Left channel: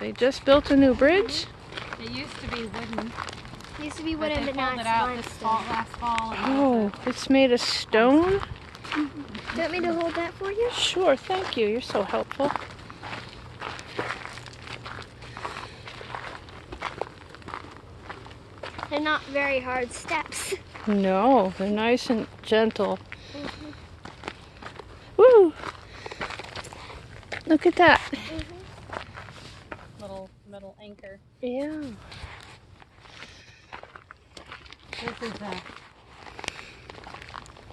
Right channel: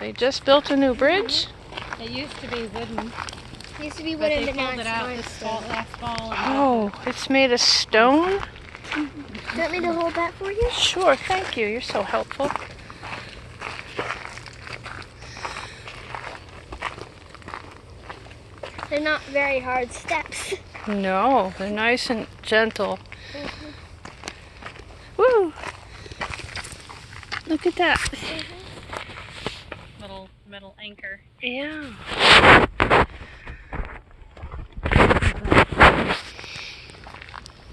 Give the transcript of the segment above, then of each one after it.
They just built a new bridge? It used to be wooden. It used to be wooden, but now it's limestone. Last fall. Oh, it's made of stone? Do you want me to hold that for you? Sure, thank you. You're so helpful. They're not very hard steps. No, they're nice and gentle. Woo! Look at that. Little metal anchor. Yeah.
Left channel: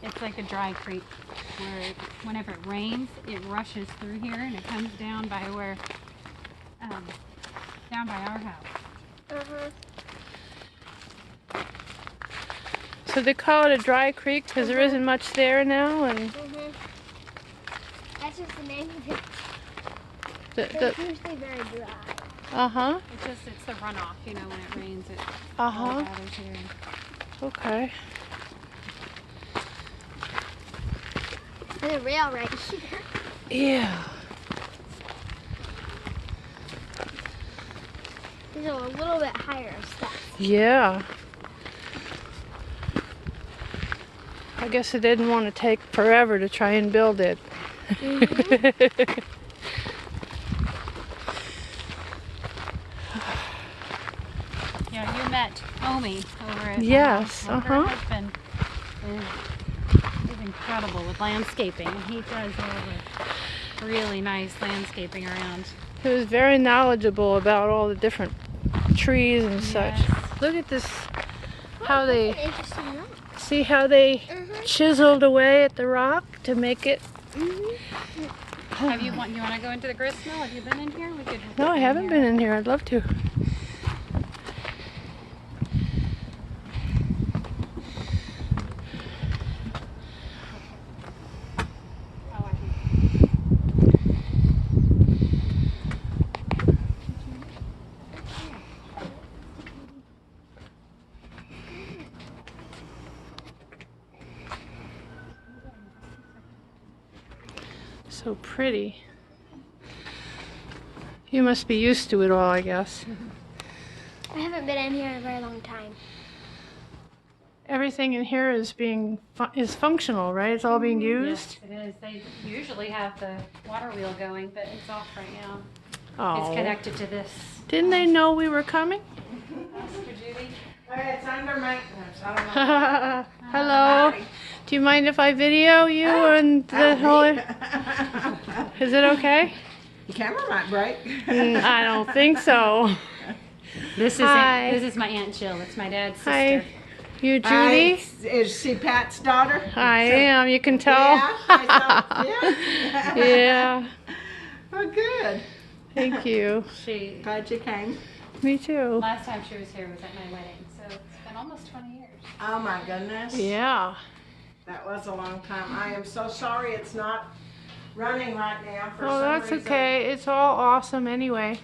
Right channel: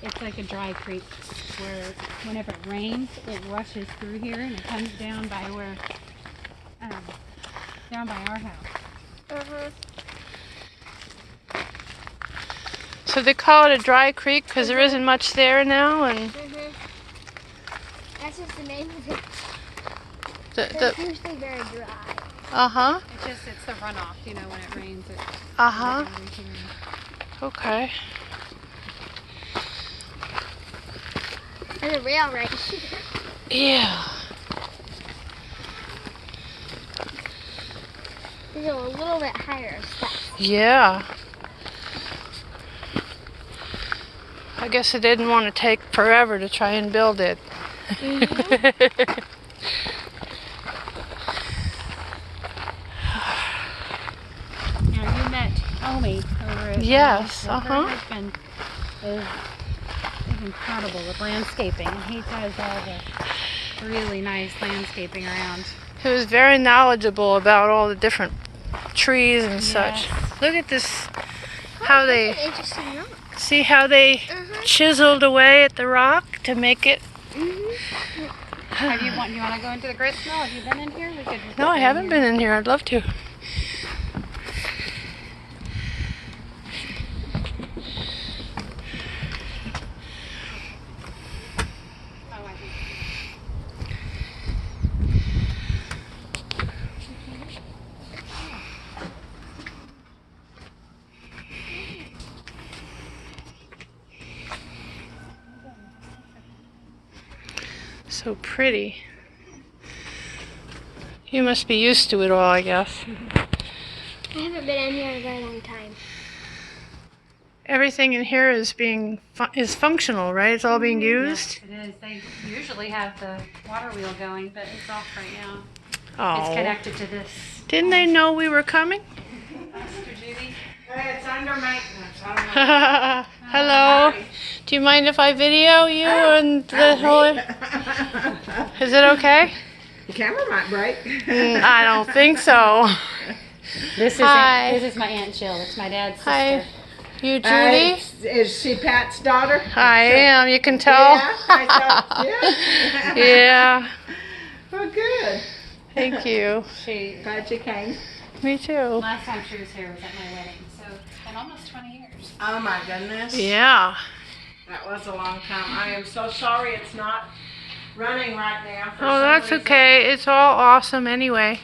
It's like a dry creek where whenever it rains, it rushes through here and it comes down by where, down by our house. So they call it a dry creek because there isn't much there now, and That's just the name of it. the It's usually very dry. It's the runoff, you know, when it rains. It goes Uh-huh. out into here. Okay. There's a rail right here. Yeah. These are a little bit higher steps. Yeah. I guess it didn't want to take forever to try and build it. Yeah, you met Homie over at Yes, Her husband is incredible with landscaping. He does all the really nice landscaping around. He was very knowledgeable about all the different trees and such. Yes. Look at this, how That's they, an interesting rock. see how they chiseled away at the rock to make it. You want to go into the grist mill? Have you been in here? We could No, I haven't been in here. I'd love to. So pretty. You must be used to it all, I guess. I haven't been in here in a very long time. Everything in here is functional, right? It's all being used. Yes, it is. They usually have the water wheel going, but it's off right now. Oh. It's connected to this. Didn't they know we were coming? Mr. Judy? It's under maintenance. I don't know. Hello. Do you mind if I video you and the whole? Is it okay? The camera might break. I don't think so. This is my Aunt Jill. It's my dad's sister. Hi. You Judy? Is she Pat's daughter? I am. You can tell. Yeah, I thought, yeah. Yeah. Well, good. Thank you. Glad you came. Me too. Last time she was here was at my wedding, so it's been almost 20 years. Oh my goodness. Yeah. That was a long time. I am so sorry it's not running right now. For Oh, some that's reason. okay. It's all awesome anyway.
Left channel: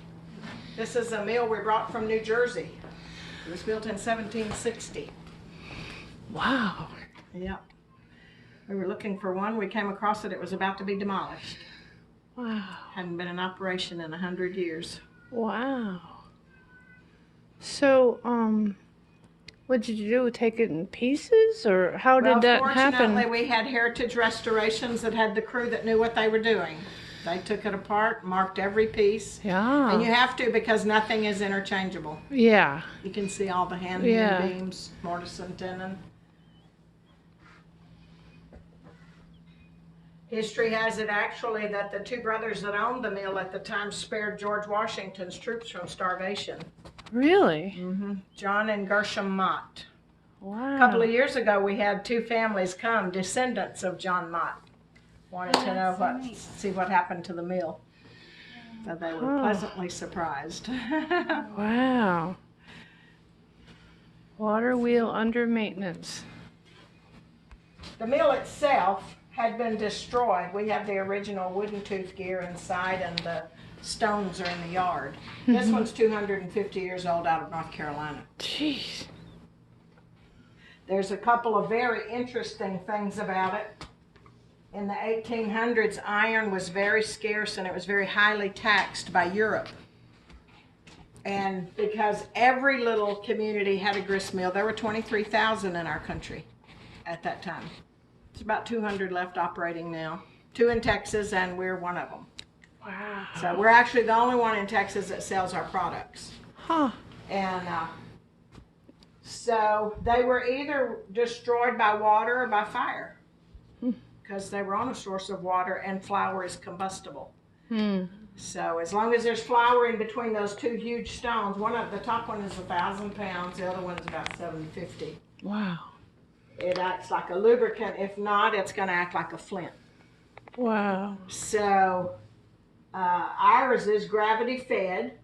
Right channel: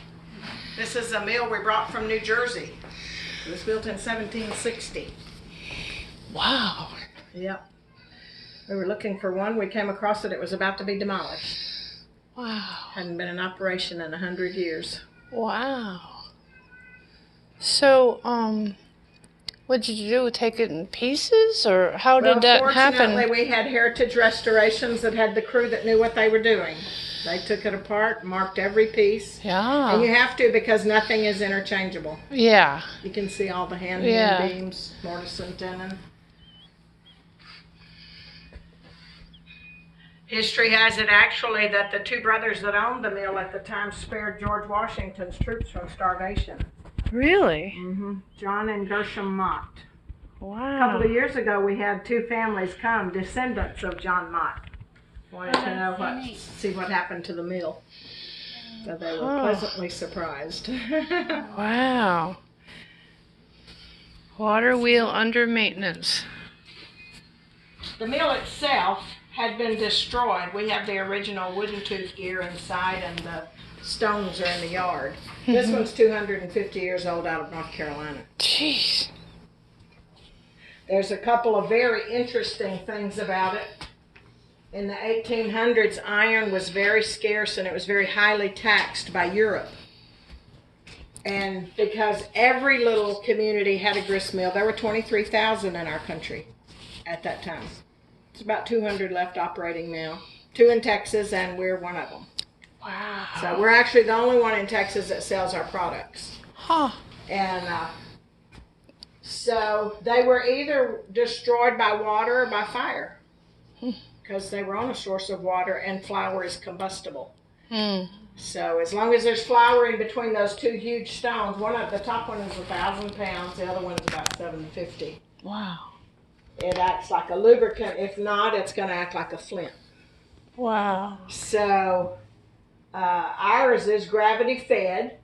This is a mill we brought from New Jersey. It was built in 1760. Wow. Yeah. We were looking for one. We came across it. It was about to be demolished. Wow. Hadn't been in operation in 100 years. Wow. So, what did you do? Take it in pieces, or how did that happen? Fortunately, we had Heritage Restorations that had the crew that knew what they were doing. They took it apart, marked every piece. Yeah. And you have to because nothing is interchangeable. Yeah. You can see all the hand beams, mortise and tenon. History has it actually that the two brothers that owned the mill at the time spared George Washington's troops from starvation. Really? Mm-hmm. John and Gershom Mott. Wow. A couple of years ago, we had two families come, descendants of John Mott. Wanted to know see what happened to the mill. So they were pleasantly surprised. Wow. Water wheel under maintenance. The mill itself had been destroyed. We have the original wooden tooth gear inside, and the stones are in the yard. This one's 250 years old, out of North Carolina. Jeez. There's a couple of very interesting things about it. In the 1800s, iron was very scarce and it was very highly taxed by Europe. And because every little community had a grist mill, there were 23,000 in our country at that time. It's about 200 left operating now. 2 in Texas, and we're one of them. Wow. So we're actually the only one in Texas that sells our products. Huh. And so they were either destroyed by water or by fire, because they were on a source of water, and flour is combustible. Hmm. So as long as there's flour in between those 2 huge stones, the top one is 1,000 pounds, the other one is about 750. Wow. It acts like a lubricant. If not, it's going to act like a flint. Wow. So ours is gravity fed,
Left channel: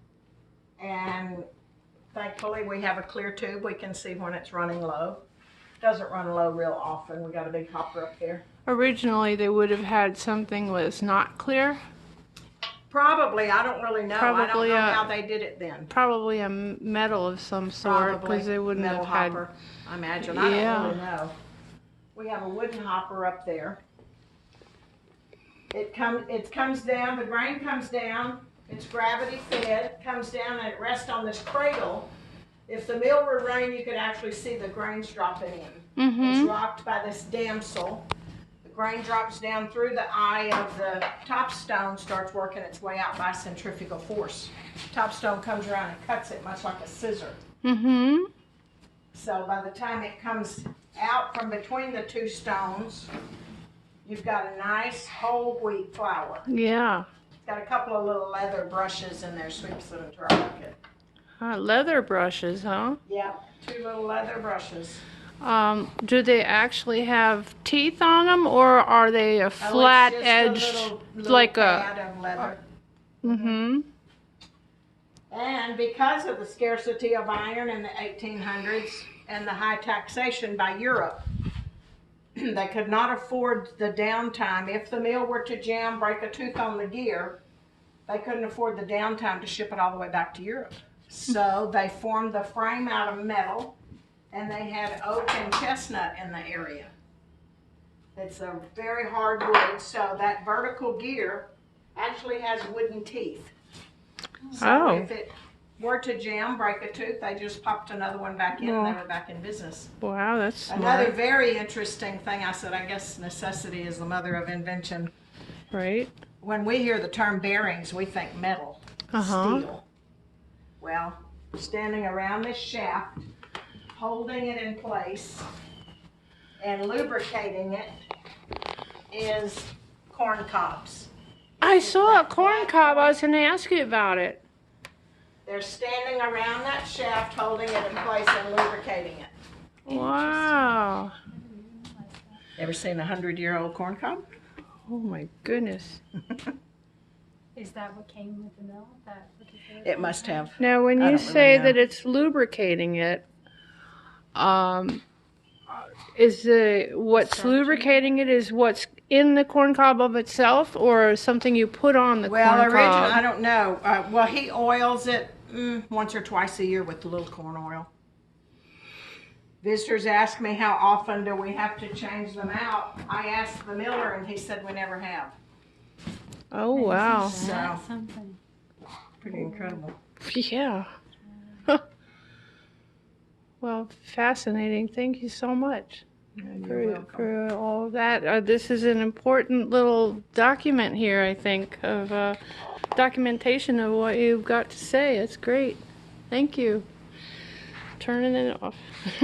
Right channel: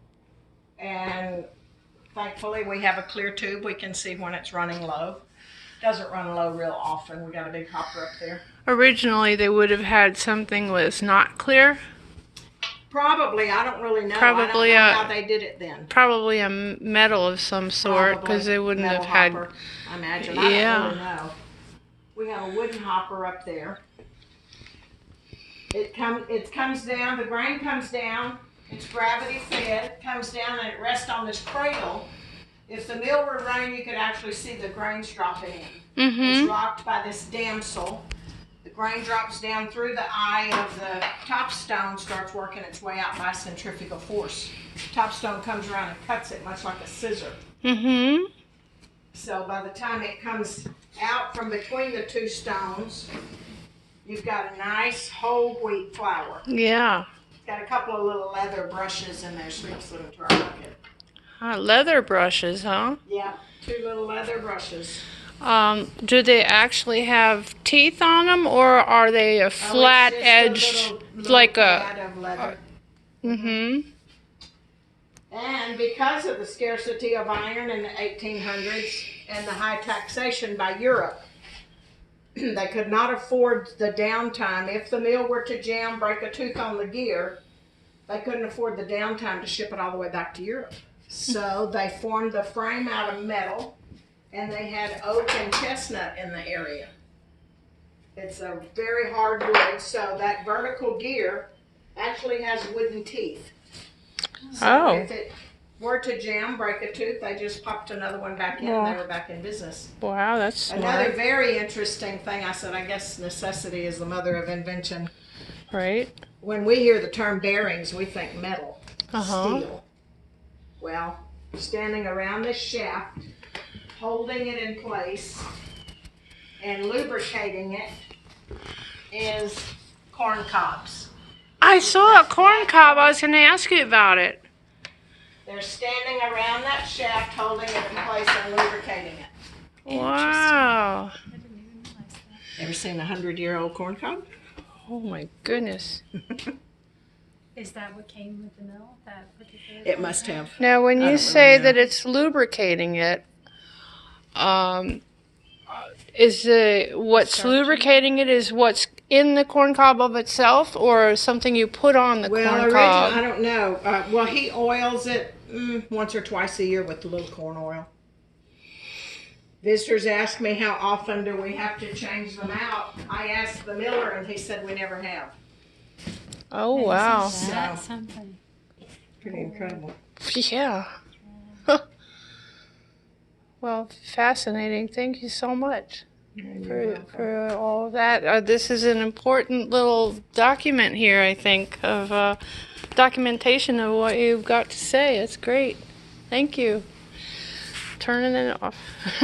and thankfully we have a clear tube. We can see when it's running low. Doesn't run low real often. We got a big hopper up there. Originally, they would have had something was not clear. Probably, I don't really know. Probably, I don't know how they did it then. Probably a metal of some sort, because they wouldn't Metal have had. hopper, I imagine. Yeah. I don't really know. We have a wooden hopper up there. It comes down. The grain comes down. It's gravity fed. Comes down and it rests on this cradle. If the mill were running, you could actually see the grains dropping in. Mm-hmm. It's rocked by this damsel. The grain drops down through the eye of the top stone, starts working its way out by centrifugal force. Top stone comes around and cuts it much like a scissor. Mm-hmm. So by the time it comes out from between the 2 stones, you've got a nice whole wheat flour. Yeah. It's got a couple of little leather brushes in there, sweeps them into our bucket. Leather brushes, huh? Yeah, 2 little leather brushes. Do they actually have teeth on them, or are they a flat edged, like a? pad of leather. Mm-hmm. And because of the scarcity of iron in the 1800s and the high taxation by Europe, they could not afford the downtime. If the mill were to jam, break a tooth on the gear, they couldn't afford the downtime to ship it all the way back to Europe. So they formed the frame out of metal, and they had oak and chestnut in the area. It's a very hard wood, so that vertical gear actually has wooden teeth. So if it were to jam, break a tooth, they just popped another one back in, and they were back in business. Wow, that's smart. Another very interesting thing, I said, I guess necessity is the mother of invention. Right. When we hear the term bearings, we think metal, steel. Well, standing around this shaft, holding it in place, and lubricating it is corn cobs. I saw a corn cob. I was going to ask you about it. They're standing around that shaft, holding it in place and lubricating it. Wow. Ever seen a 100-year-old corn cob? Oh my goodness. Is that what came with the mill? That particular? It must have. Now, when I you don't say really know. that it's lubricating it, is what's lubricating it is what's in the corn cob of itself, or something you put on the Well, corn originally, cob? I don't know. Well, he oils it once or twice a year with a little corn oil. Visitors ask me how often do we have to change them out. I asked the miller, and he said we never have. Oh, wow. That's something. Pretty incredible. Yeah. Well, fascinating. Thank you so much for all that. This is an important little document here, I think, of documentation of what you've got to say. It's great. Thank you. Turning it off.